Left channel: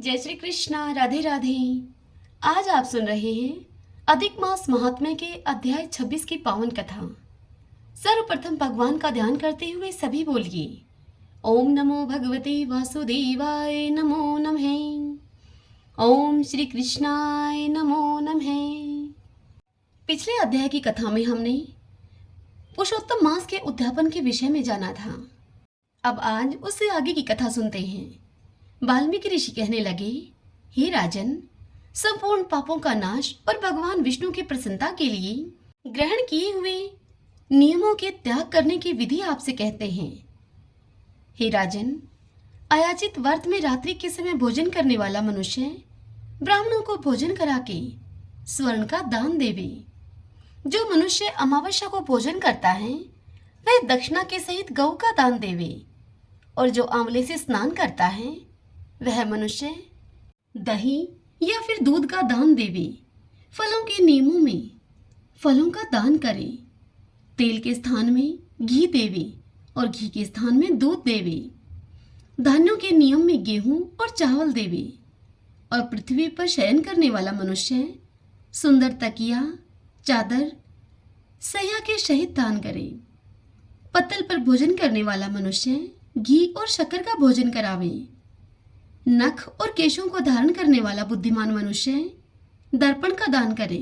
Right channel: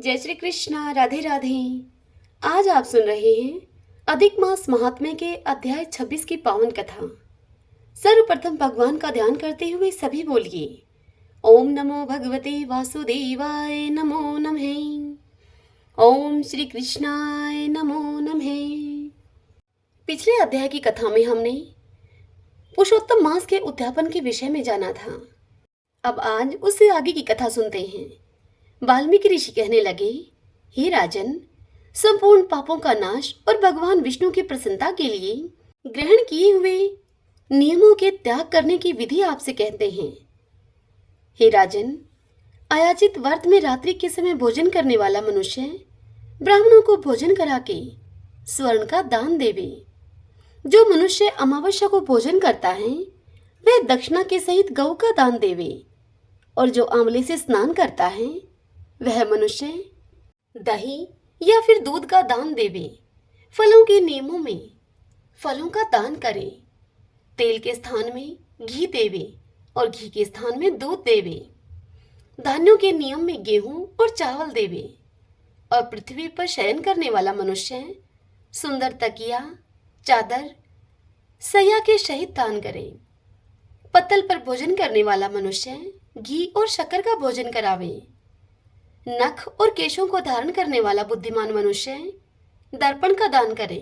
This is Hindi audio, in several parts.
जय श्री कृष्णा। राधे राधे। आज आप सुन रहे हैं अधिक मास महात्म्य के अध्याय 26 की पावन कथा। सर्वप्रथम भगवान का ध्यान करते हुए सभी बोलिए, ओम नमो भगवते वासुदेवाय नमो नमः। ओम श्री कृष्णाय नमो नमः। पिछले अध्याय की कथा में हमने पुरुषोत्तम मास के उद्यापन के विषय में जाना था। अब आज उससे आगे की कथा सुनते हैं। वाल्मीकि ऋषि कहने लगे, हे राजन, संपूर्ण पापों का नाश और भगवान विष्णु की प्रसन्नता के लिए ग्रहण किए हुए नियमों के त्याग करने की विधि आपसे कहते हैं। हे राजन, अयाचित व्रत में रात्रि के समय भोजन करने वाला मनुष्य ब्राह्मणों को भोजन करा के स्वर्ण का दान देवे। जो मनुष्य अमावस्या को भोजन करता है वह दक्षिणा के सहित गौ का दान देवे, और जो आंवले से स्नान करता है वह मनुष्य दही या फिर दूध का दान देवे। फलों के नियमों में फलों का दान करे, तेल के स्थान में घी देवे और घी के स्थान में दूध देवे। धान्यों के नियम में गेहूं और चावल देवे, और पृथ्वी पर शयन करने वाला मनुष्य सुंदर तकिया, चादर, सैया के सहित दान करे। पत्तल पर भोजन करने वाला मनुष्य घी और शक्कर का भोजन करावे। नख और केशों को धारण करने वाला बुद्धिमान मनुष्य दर्पण का दान करे।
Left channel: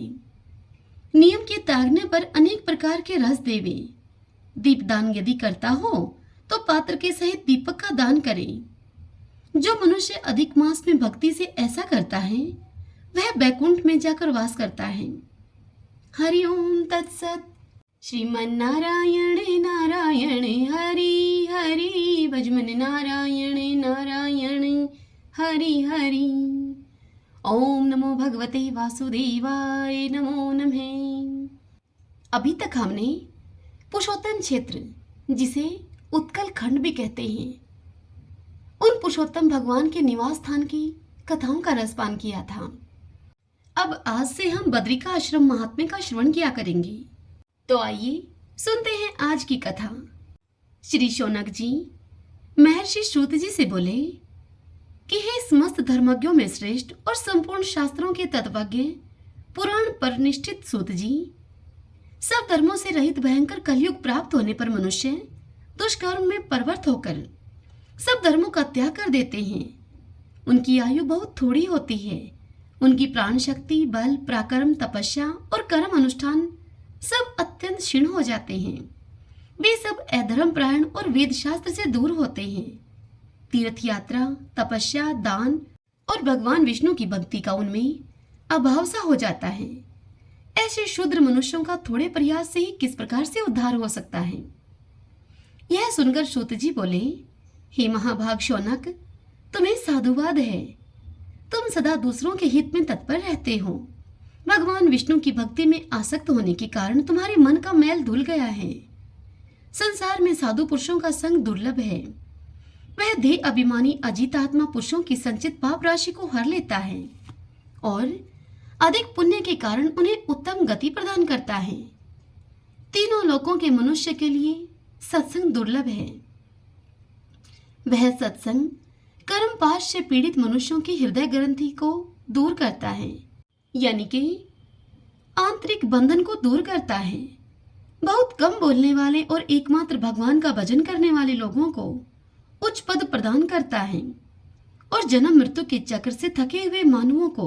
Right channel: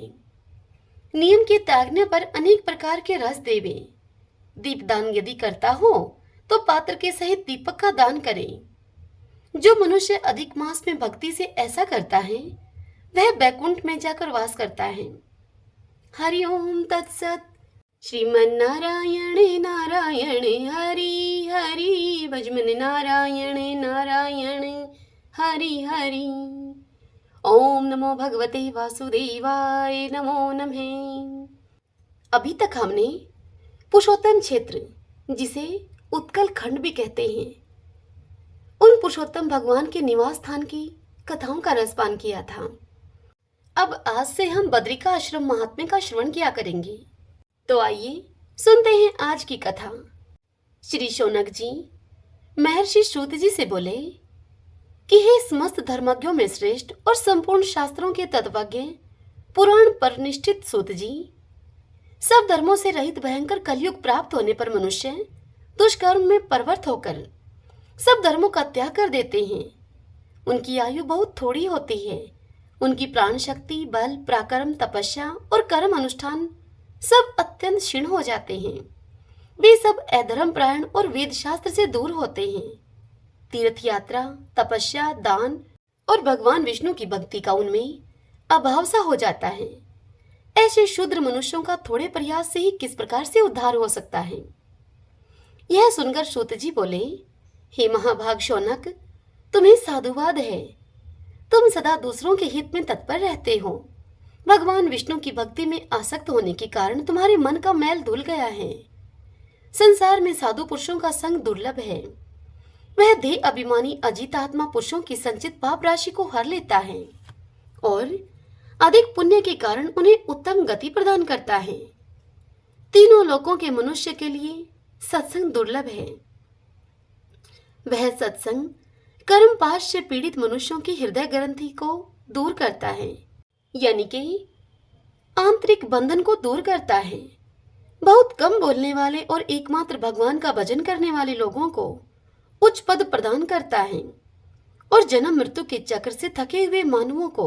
नियम के त्यागने पर अनेक प्रकार के रस देवे। दीपदान यदि करता हो तो पात्र के सहित दीपक का दान करे। जो मनुष्य अधिक मास में भक्ति से ऐसा करता है वह बैकुंठ में जाकर वास करता है। हरि ओम तत्सत। श्रीमन्नारायण नारायण हरि हरि, भजमन नारायण नारायण हरि हरि। ओम नमो भगवते वासुदेवाय नमो नमः। अभी तक हमने पुरुषोत्तम क्षेत्र, जिसे उत्कल खंड भी कहते हैं, उन पुरुषोत्तम भगवान के निवास स्थान की कथाओं का रसपान किया था। अब आज से हम बद्रिका आश्रम महात्म्य का श्रवण किया करेंगे। तो आइए सुनते हैं आज की कथा। श्री शौनक जी महर्षि श्रुत जी से बोले कि हे समस्त धर्मज्ञों में श्रेष्ठ और संपूर्ण शास्त्रों के तत्वज्ञ पुराण पर निष्ठित सूत जी, सब धर्मों से रहित भयंकर कलयुग प्राप्त होने पर मनुष्य दुष्कर्म में प्रवृत्त होकर सब धर्मों का त्याग कर देते हैं। उनकी आयु बहुत थोड़ी होती है। उनकी प्राण शक्ति, बल, पराक्रम, तपस्या और कर्म अनुष्ठान सब अत्यंत क्षीण हो जाते हैं। वे सब अधर्म प्रायण और वेद शास्त्र से दूर होते हैं। तीर्थ यात्रा, तपस्या, दान और भगवान विष्णु की भक्ति का उनमें अभाव सा हो जाता है। ऐसे शूद्र मनुष्यों का थोड़े प्रयास से ही किस प्रकार से उद्धार हो सकता है। यह सुनकर सूत जी बोले, हे महाभाग शौनक, तुम्हें साधुवाद है। तुम सदा दूसरों के हित में तत्पर रहते हो। भगवान विष्णु की भक्ति में आसक्त होने के कारण तुम्हारे मन का मैल धुल गया है। संसार में साधु पुरुषों का संग दुर्लभ है। वह देह अभिमानी अजीत आत्मा पुरुषों की संचित पाप राशि को हर लेता है और अधिक पुण्य के कारण उन्हें उत्तम गति प्रदान करता है। तीनों लोकों के मनुष्य के लिए सत्संग दुर्लभ है। वह सत्संग कर्म पाश से पीड़ित मनुष्यों की हृदय ग्रंथि को दूर करता है, यानी कि आंतरिक बंधन को दूर करता है। बहुत कम बोलने वाले और एकमात्र भगवान का भजन करने वाले लोगों को उच्च पद प्रदान करता है और जन्म मृत्यु के चक्र से थके हुए मानवों को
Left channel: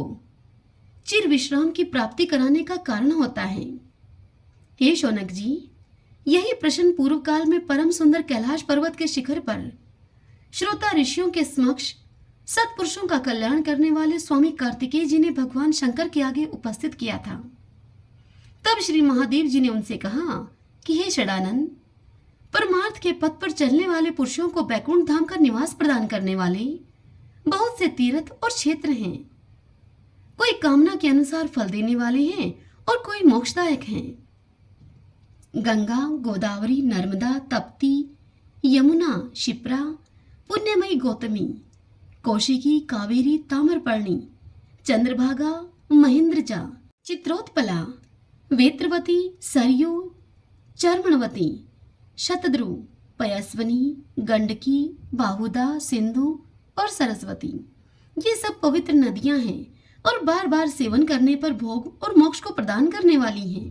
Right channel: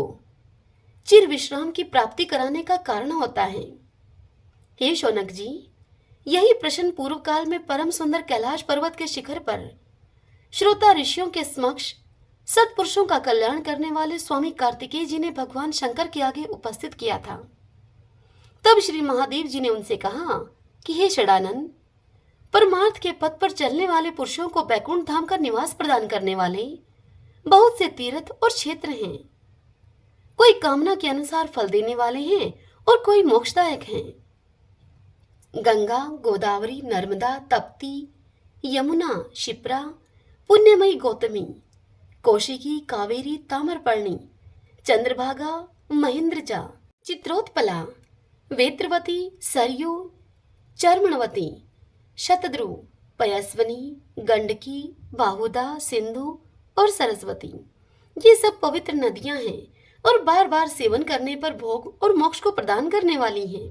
चिर विश्राम की प्राप्ति कराने का कारण होता है। हे शौनक जी, यही प्रश्न पूर्व काल में परम सुंदर कैलाश पर्वत के शिखर पर श्रोता ऋषियों के समक्ष सत्पुरुषों का कल्याण करने वाले स्वामी कार्तिकेय जी ने भगवान शंकर के आगे उपस्थित किया था। तब श्री महादेव जी ने उनसे कहा कि हे षडानंद, परमार्थ के पथ पर चलने वाले पुरुषों को बैकुंठ धाम का निवास प्रदान करने वाले बहुत से तीर्थ और क्षेत्र हैं। कोई कामना के अनुसार फल देने वाले हैं और कोई मोक्षदायक हैं। गंगा, गोदावरी, नर्मदा, तप्ती, यमुना, शिप्रा, पुण्यमयी गौतमी, कौशिकी, कावेरी, ताम्रपर्णी, चंद्रभागा, महेंद्रजा, चित्रोत्पला, वेत्रवती, सरयू, चर्मणवती, शतद्रु, पयस्वनी, गंडकी, बाहुदा, सिंधु और सरस्वती, ये सब पवित्र नदियां हैं और बार बार सेवन करने पर भोग और मोक्ष को प्रदान करने वाली हैं।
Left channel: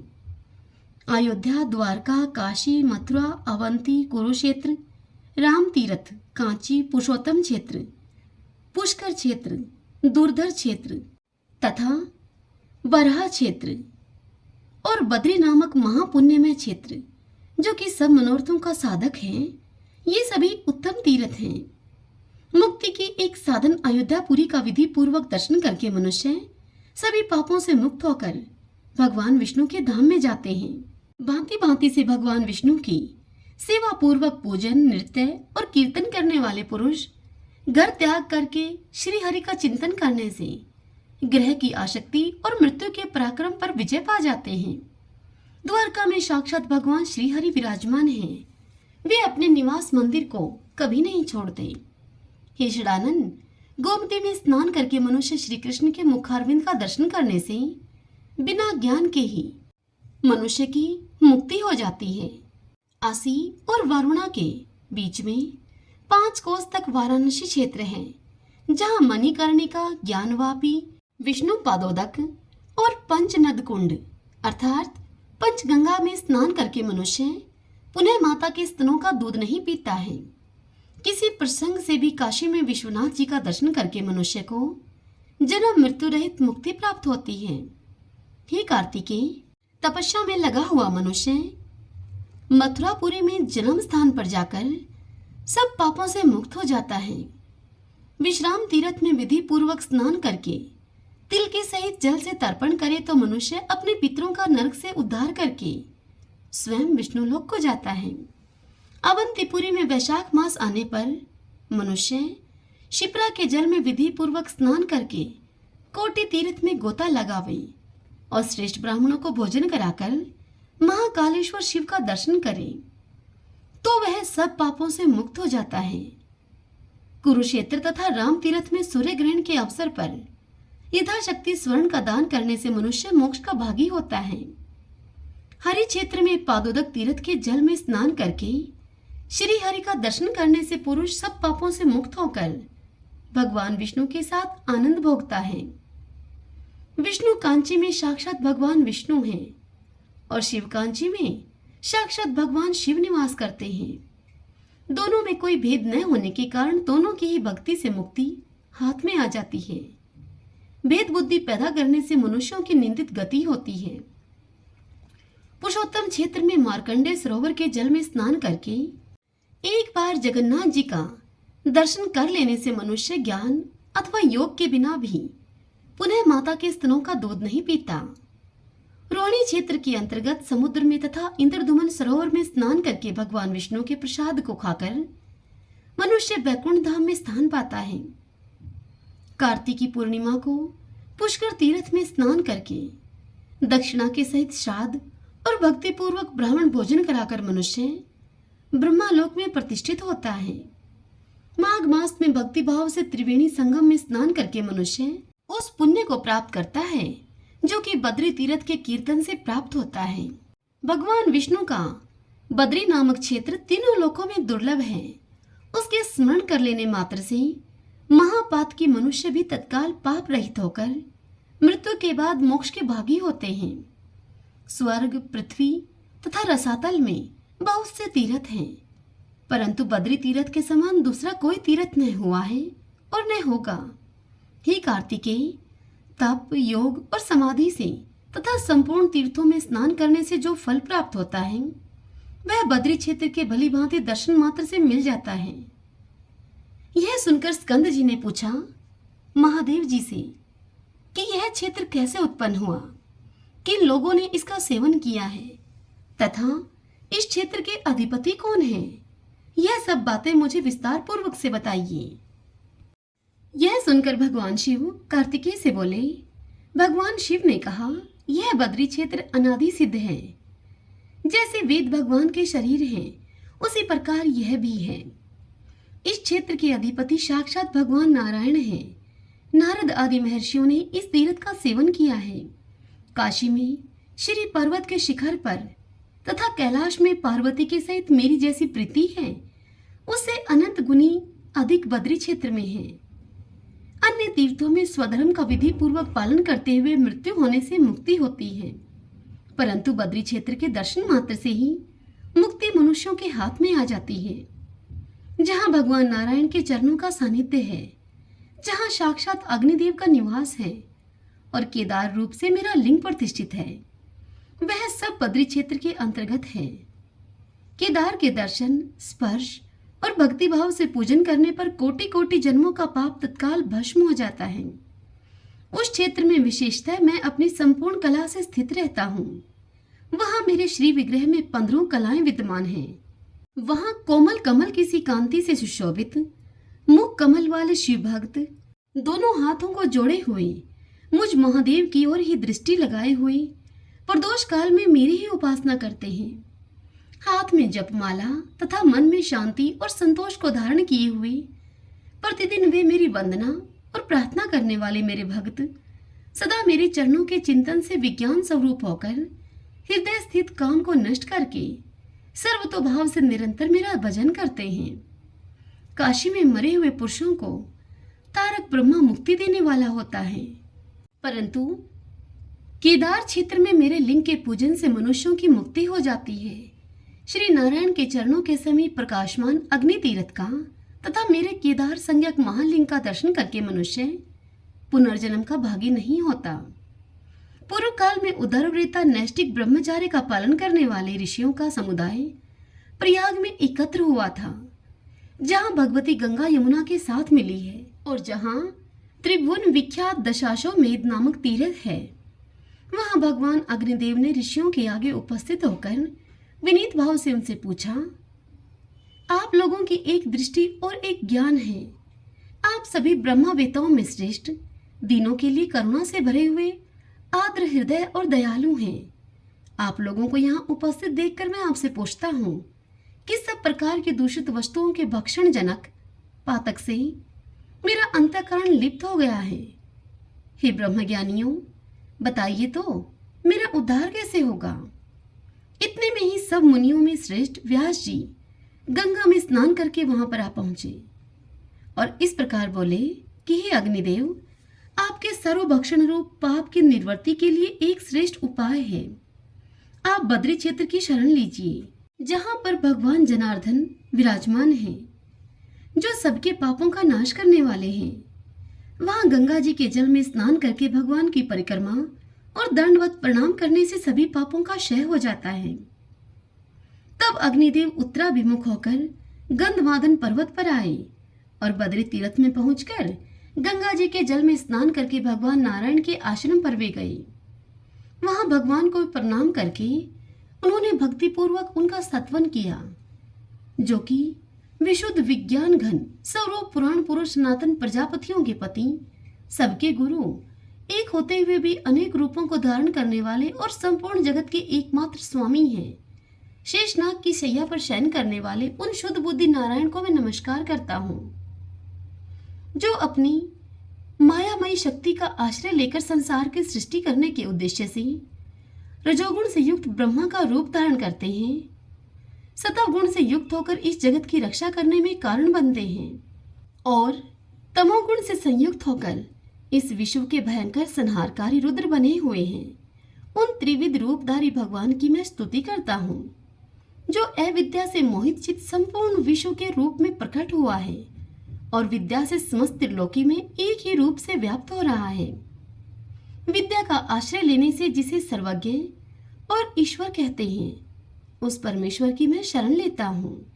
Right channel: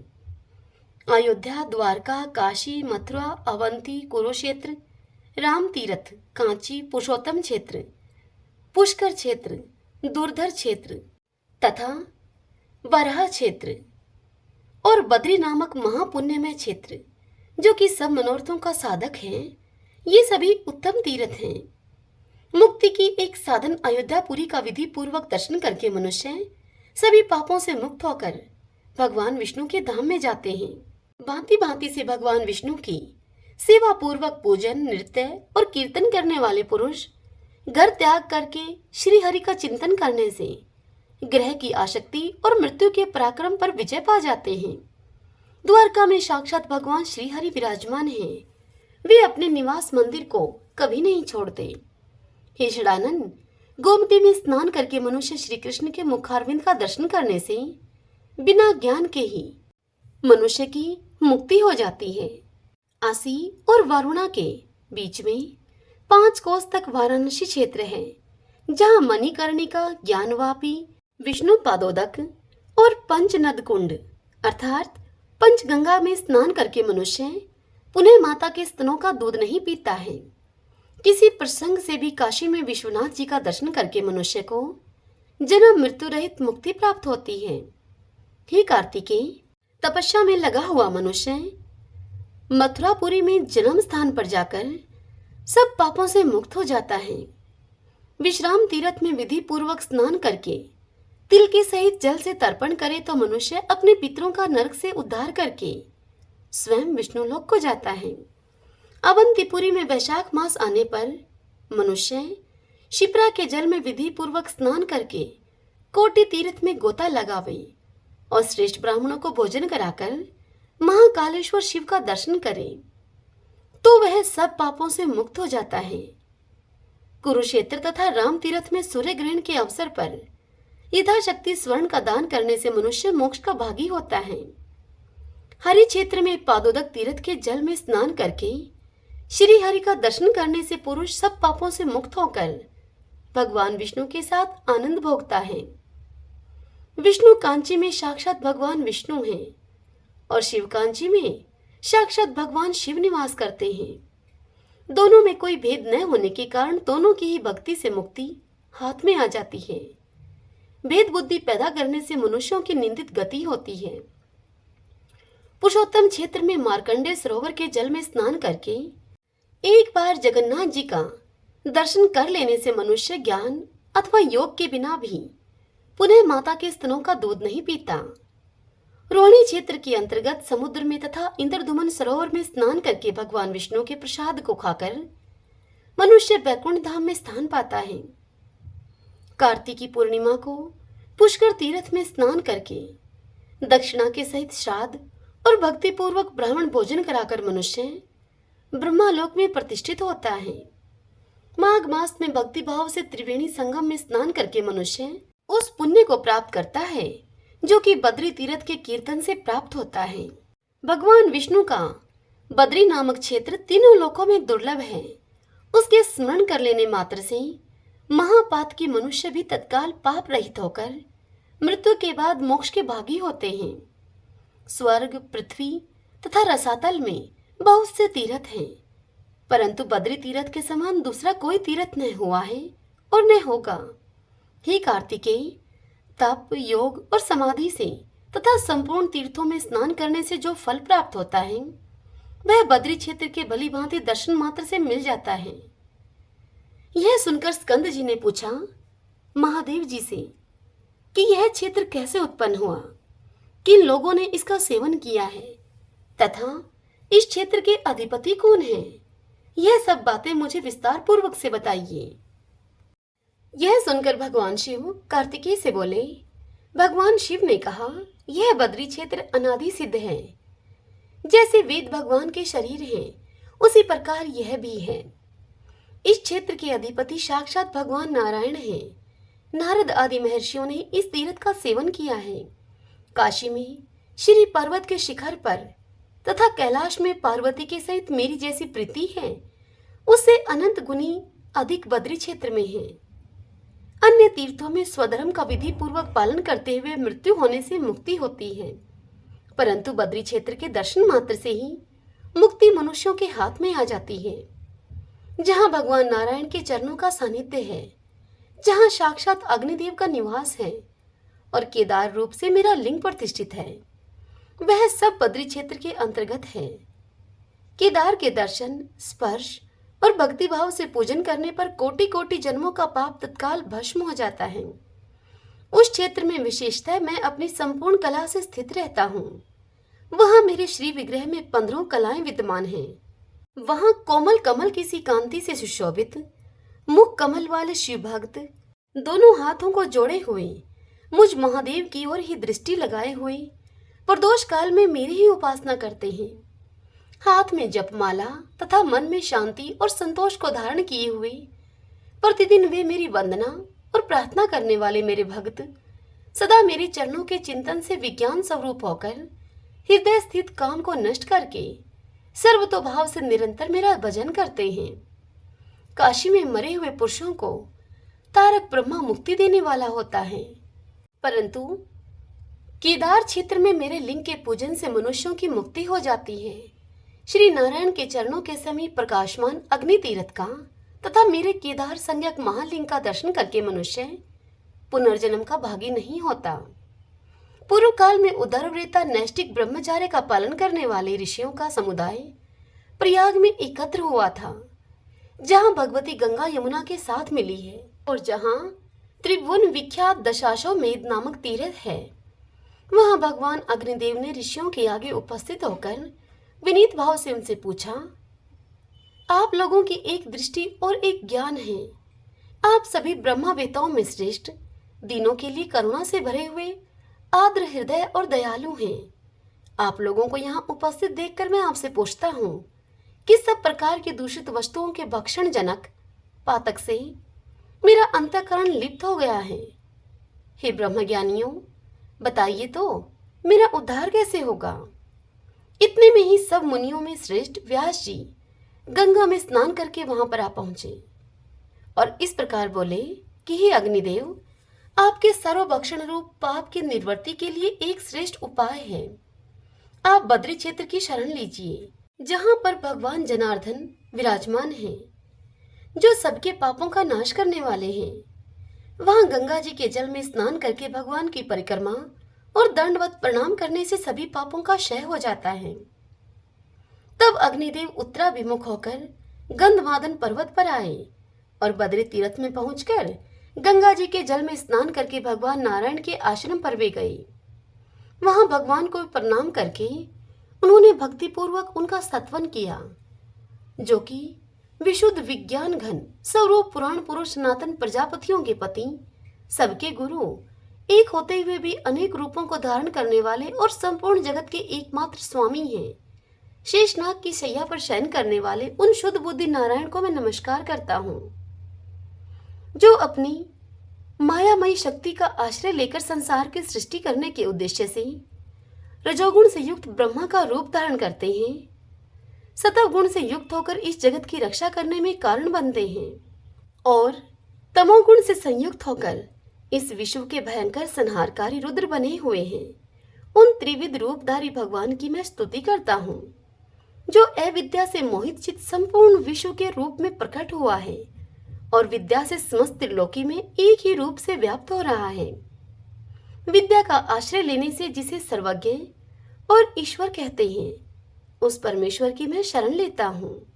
अयोध्या, द्वारका, काशी, मथुरा, अवंती, कुरुक्षेत्र, राम तीर्थ, कांची, पुरुषोत्तम क्षेत्र, पुष्कर क्षेत्र, दुर्धर क्षेत्र तथा बरहा क्षेत्र और बद्री नामक महापुण्यमय क्षेत्र, जो कि सब मनोरथों का साधक है, ये सभी उत्तम तीर्थ हैं। मुक्ति की एक साधन अयोध्यापुरी का विधि पूर्वक दर्शन करके मनुष्य सभी पापों से मुक्त होकर भगवान विष्णु के धाम में जाते हैं। भांति भांति से भगवान विष्णु की सेवा पूर्वक पूजन, नृत्य और कीर्तन करने वाले पुरुष घर त्याग करके श्री हरि का चिंतन करने से ग्रह की आसक्ति और मृत्यु के पराक्रम पर विजय पा जाते हैं। द्वारका में साक्षात भगवान श्री हरि विराजमान हैं। वे अपने निवास मंदिर को कभी नहीं छोड़ते। हे षडानन, गोमती में स्नान करके मनुष्य श्री कृष्ण के मुखारविंद का दर्शन करने से बिना ज्ञान के ही मनुष्य की मुक्ति हो जाती है। आसी और वरुणा के बीच में 5 कोस तक वाराणसी क्षेत्र है, जहाँ मणिकर्णिका, ज्ञानवापी, विष्णु पादोदक और पंचनद कुंड अर्थात पंचगंगा में स्नान करके मनुष्य पुनः माता के स्तनों का दूध नहीं पीता है। किसी प्रसंग से भी काशी में विश्वनाथ जी का दर्शन करके मनुष्य को जन्म मृत्यु रहित मुक्ति प्राप्त होती है। हे कार्तिकेय, तपस्या में लगा हुआ मनुष्य मथुरापुरी में जन्म स्थान पर जाकर सब पापों से मुक्त हो जाता है। विश्राम तीर्थ में विधि पूर्वक स्नान करके तिल के सहित जल से तर्पण करे तो मनुष्य अपने पितरों का नरक से उद्धार करके स्वयं विष्णु लोक को जाता है। अवंतीपुरी में वैशाख मास आने पर मनुष्य शिप्रा के जल में विधि पूर्वक स्नान करके कोटि तीर्थ में गोता लगावे और श्रेष्ठ ब्राह्मणों को भोजन कराकर महाकालेश्वर शिव का दर्शन करे तो वह सब पापों से मुक्त हो जाता है। कुरुक्षेत्र तथा राम तीर्थ में सूर्य ग्रहण के अवसर पर यथाशक्ति स्वर्ण का दान करने से मनुष्य मोक्ष का भागी होता है। हरि क्षेत्र में पादोदक तीर्थ के जल में स्नान करके श्री हरि का दर्शन करने से पुरुष सब पापों से मुक्त होकर भगवान विष्णु के साथ आनंद भोगता है। विष्णु कांची में साक्षात भगवान विष्णु हैं और शिव कांची में साक्षात भगवान शिव निवास करते हैं। दोनों में कोई भेद न होने के कारण दोनों की ही भक्ति से मुक्ति हाथ में आ जाती है। भेद बुद्धि पैदा करने से मनुष्यों की निंदित गति होती है। पुरुषोत्तम क्षेत्र में मार्कंडेय सरोवर के जल में स्नान करके एक बार जगन्नाथ जी का दर्शन कर लेने से मनुष्य ज्ञान अथवा योग के बिना भी पुनः माता के स्तनों का दूध नहीं पीता। रोहिणी क्षेत्र के अंतर्गत समुद्र में तथा इंद्रधुमन सरोवर में स्नान करके भगवान विष्णु के प्रसाद को खाकर मनुष्य वैकुंठ धाम में स्थान पाता है। कार्तिकी पूर्णिमा को पुष्कर तीर्थ में स्नान करके दक्षिणा के सहित श्राद्ध और भक्ति पूर्वक ब्राह्मण भोजन कराकर मनुष्य ब्रह्मालोक में प्रतिष्ठित होता है। माघ मास में भक्ति भाव से त्रिवेणी संगम में स्नान करके मनुष्य उस पुण्य को प्राप्त करता है जो कि बद्री तीर्थ के कीर्तन से प्राप्त होता है। भगवान विष्णु का बद्री नामक क्षेत्र तीनों लोकों में दुर्लभ है। उसके स्मरण कर लेने मात्र से महापात के मनुष्य भी तत्काल पाप रहित होकर मृत्यु के बाद मोक्ष के भागी होते हैं। स्वर्ग, पृथ्वी तथा रसातल में बहुत से तीर्थ हैं, परंतु बद्री तीर्थ के समान दूसरा कोई तीर्थ न हुआ है और न होगा। हे कार्तिकेय, तप, योग और समाधि से तथा संपूर्ण तीर्थों में स्नान करने से जो फल प्राप्त होता है वह बद्री क्षेत्र के भली भांति दर्शन मात्र से मिल जाता है। यह सुनकर स्कंद जी ने पूछा महादेव जी से कि यह क्षेत्र कैसे उत्पन्न हुआ, किन लोगों ने इसका सेवन किया है तथा इस क्षेत्र के अधिपति कौन हैं? यह सब बातें मुझे विस्तार पूर्वक से बताइए। यह सुनकर भगवान शिव कार्तिकेय से बोले, भगवान शिव ने कहा, यह बद्री क्षेत्र अनादि सिद्ध है। जैसे वेद भगवान के शरीर हैं उसी प्रकार यह भी है। इस क्षेत्र के अधिपति साक्षात भगवान नारायण हैं। नारद आदि महर्षियों ने इस तीर्थ का सेवन किया है। काशी में श्री पर्वत के शिखर पर तथा कैलाश में पार्वती के सहित मेरी जैसी प्रीति है उससे अनंत गुनी अधिक बद्री क्षेत्र में है। अन्य तीर्थों में स्वधर्म का विधि पूर्वक पालन करते हुए मृत्यु होने से मुक्ति होती है, परंतु बद्री क्षेत्र के दर्शन मात्र से ही मुक्ति मनुष्यों के हाथ में आ जाती है। जहाँ भगवान नारायण के चरणों का सानिध्य है, जहाँ साक्षात अग्निदेव का निवास है और केदार रूप से मेरा लिंग प्रतिष्ठित है, वह सब बद्री क्षेत्र के अंतर्गत है। केदार के दर्शन, स्पर्श और भक्ति भाव से पूजन करने पर कोटि कोटि जन्मों का पाप तत्काल भस्म हो जाता है। उस क्षेत्र में विशेषतः मैं अपनी संपूर्ण कला से स्थित रहता हूँ। वहां मेरे श्री विग्रह में 15 कलाएं विद्यमान हैं। वहां कोमल कमल की सी कांति से सुशोभित मुख कमल वाले शिव भक्त दोनों हाथों को जोड़े हुए मुझ महादेव की ओर ही दृष्टि लगाए हुए प्रदोष काल में मेरी ही उपासना करते हैं। हाथ में जपमाला तथा मन में शांति और संतोष को धारण किए हुए प्रतिदिन वे मेरी वंदना और प्रार्थना करने वाले मेरे भक्त सदा मेरे चरणों के चिंतन से विज्ञान स्वरूप होकर हृदय स्थित काम को नष्ट करके सर्वतोभाव से निरंतर मेरा भजन करते हैं। काशी में मरे हुए पुरुषों को तारक ब्रह्मा मुक्ति देने वाला होता है, परंतु केदार क्षेत्र में मेरे लिंग के पूजन से मनुष्यों की मुक्ति हो जाती है। श्री नारायण के चरणों के समीप प्रकाशमान अग्नि तीर्थ का तथा मेरे केदार संज्ञक महालिंग का दर्शन करके मनुष्य पुनर्जन्म का भागी नहीं होता। पूर्व काल में उदरवृत्ता नैष्टिक ब्रह्मचार्य का पालन करने वाले ऋषियों का समुदाय प्रयाग में एकत्र हुआ था, जहां भगवती गंगा यमुना के साथ मिली है और जहां त्रिभुवन विख्यात दशाश्वमेध नामक तीर्थ है। वहां भगवान अग्निदेव ने ऋषियों के आगे उपस्थित होकर विनीत भाव से उनसे पूछा, आप लोगों की एक दृष्टि और एक ज्ञान है। आप सभी ब्रह्मवेताओं में श्रेष्ठ, दीनों के लिए करुणा से भरे हुए आर्द्र हृदय और दयालु हैं। आप लोगों को यहाँ उपस्थित देखकर मैं आपसे पूछता हूँ कि सब प्रकार के दूषित वस्तुओं के भक्षण जनक पातक से मेरा अंतःकरण लिप्त हो गया है। हे ब्रह्मज्ञानियों, बताइए तो मेरा उद्धार कैसे होगा। इतने में ही सब मुनियों में श्रेष्ठ व्यास जी गंगा में स्नान करके वहां पर आ पहुंचे और इस प्रकार बोले कि हे अग्निदेव, आपके सर्वभक्षण रूप पाप की निवृत्ति के लिए एक श्रेष्ठ उपाय है। आप बद्री क्षेत्र की शरण लीजिए, जहां पर भगवान जनार्दन विराजमान हैं, जो सबके पापों का नाश करने वाले हैं। वहां गंगा जी के जल में स्नान करके भगवान की परिक्रमा और दंडवत प्रणाम करने से सभी पापों का क्षय हो जाता है। तब अग्निदेव उत्तराभिमुख होकर गंधमादन पर्वत पर आए और बद्री तीर्थ में पहुंचकर गंगा जी के जल में स्नान करके भगवान नारायण के आश्रम पर वे गए। वहां भगवान को प्रणाम करके उन्होंने भक्तिपूर्वक उनका स्तवन किया, जो कि विशुद्ध विज्ञान घन स्वरूप पुराण पुरुष सनातन प्रजापतियों के पति, सबके गुरु, एक होते हुए भी अनेक रूपों को धारण करने वाले और संपूर्ण जगत के एकमात्र स्वामी हैं। शेषनाग की शैया पर शयन करने वाले उन शुद्ध बुद्धि नारायण को मैं नमस्कार करता हूँ, जो अपनी मायामयी शक्ति का आश्रय लेकर संसार की सृष्टि करने के उद्देश्य से रजोगुण से युक्त ब्रह्मा का रूप धारण करते हैं, सतव गुण से युक्त होकर इस जगत की रक्षा करने में कारण बनते हैं और तमोगुण से संयुक्त होकर इस विश्व के भयंकर संहारकारी रुद्र बने हुए हैं। उन त्रिविध रूपधारी भगवान की मैं स्तुति करता हूँ, जो अविद्या से मोहित चित संपूर्ण विश्व के रूप में प्रकट हुआ है और विद्या से समस्त त्रिलोकी में एक ही रूप से व्याप्त हो रहा है। विद्या का आश्रय लेने से जिसे सर्वज्ञ और ईश्वर कहते हैं, उस परमेश्वर की मैं शरण लेता हूँ,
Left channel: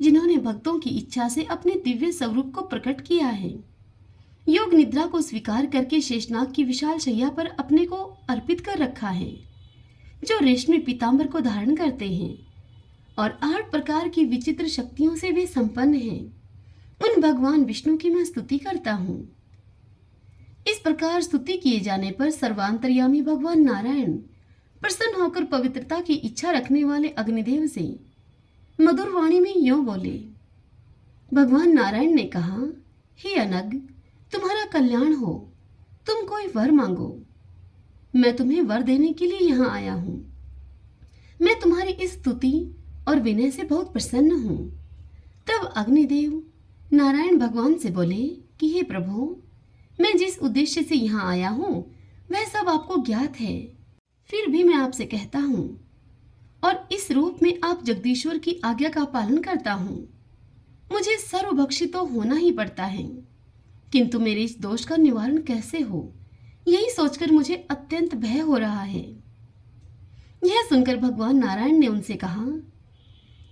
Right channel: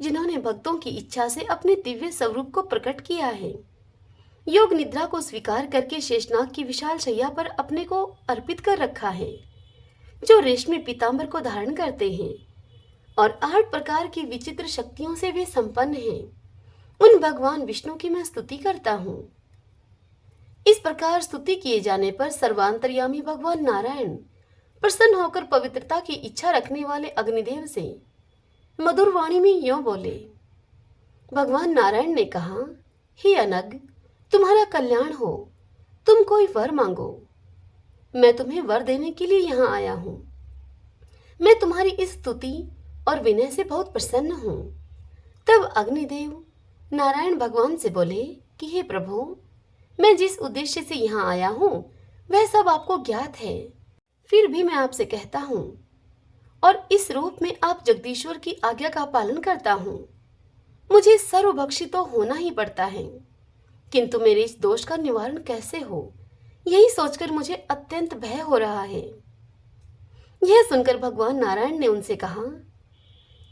जिन्होंने भक्तों की इच्छा से अपने दिव्य स्वरूप को प्रकट किया है। योग निद्रा को स्वीकार करके शेषनाग की विशाल शैया पर अपने को अर्पित कर रखा है, जो रेशमी पीतांबर को धारण करते हैं और 8 प्रकार की विचित्र शक्तियों से वे संपन्न हैं। उन भगवान विष्णु की मैं स्तुति करता हूँ। इस प्रकार स्तुति किए जाने पर सर्वांतर्यामी भगवान नारायण प्रसन्न होकर पवित्रता की इच्छा रखने वाले अग्निदेव से मधुर वाणी में यों बोले। भगवान नारायण ने कहा, हे अनग, तुम्हारा कल्याण हो, तुम कोई वर मांगो। मैं तुम्हें वर देने के लिए यहाँ आया हूँ। मैं तुम्हारी इस स्तुति और विनय से बहुत प्रसन्न हूँ। तब अग्निदेव नारायण भगवान से बोले कि हे प्रभु, मैं जिस उद्देश्य से यहाँ आया हूँ वह सब आपको ज्ञात है। फिर भी मैं आपसे कहता हूँ और इस रूप में आप जगदीश्वर की आज्ञा का पालन करता हूँ। मुझे सर्वभक्षी तो होना ही पड़ता है, किंतु मेरे इस दोष का निवारण कैसे हो, यही सोचकर मुझे अत्यंत भय हो रहा है। यह सुनकर भगवान नारायण ने उनसे कहा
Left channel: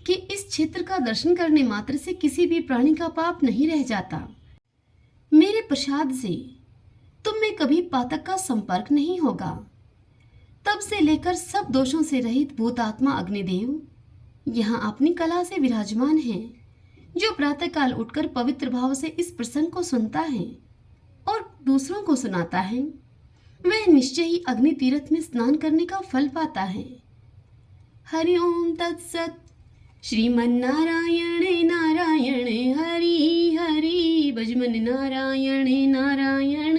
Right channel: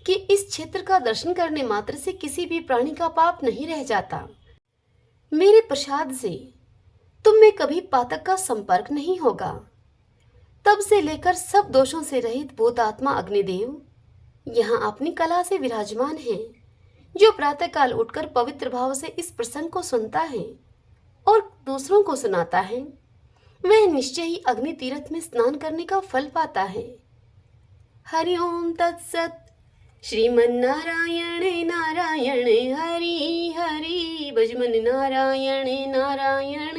कि इस क्षेत्र का दर्शन करने मात्र से किसी भी प्राणी का पाप नहीं रह जाता। मेरे प्रसाद से तुम में कभी पातक का संपर्क नहीं होगा। तब से लेकर सब दोषों से रहित भूतात्मा अग्निदेव यहाँ अपनी कला से विराजमान है, जो प्रातःकाल उठकर पवित्र भाव से इस प्रसंग को सुनता है और दूसरों को सुनाता है, वह निश्चय ही अग्नि तीर्थ में स्नान करने का फल पाता है। हरि ओम तत्सत। श्रीमन्नारायण नारायण हरि हरि, भजमन नारायण नारायण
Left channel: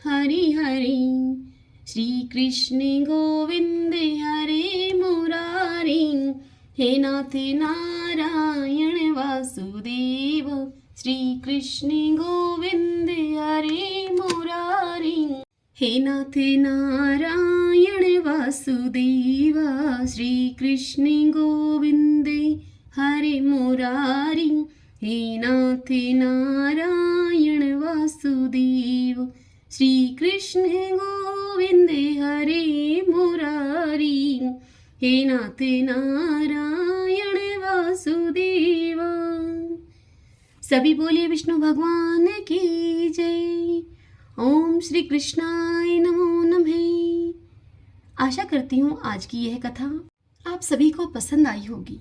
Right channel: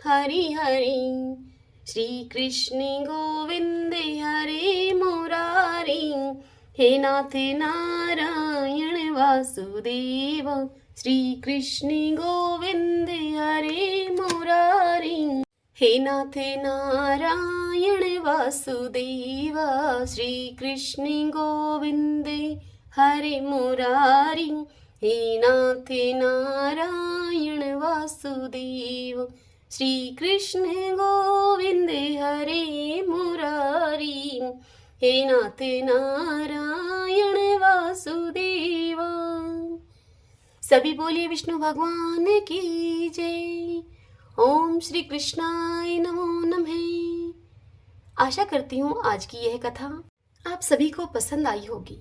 हरि हरि। श्री कृष्ण गोविंद हरे मुरारी, हे नाथ नारायण वासुदेव। श्री कृष्ण गोविंद हरे मुरारी, हे नाथ नारायण वासुदेव। श्री कृष्ण गोविंद हरे मुरारी, हे नाथ नारायण वासुदेव। श्री कृष्ण गोविंद हरे मुरारी, हे नाथ नारायण वासुदेव। सभी बोलिए विष्णु भगवान की जय। ओम श्री कृष्णाय नमो नमः। आशा करती हूँ आज की यह कथा आप सभी को पसंद आई होगी।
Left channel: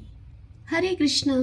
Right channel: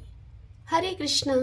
हरे कृष्णा।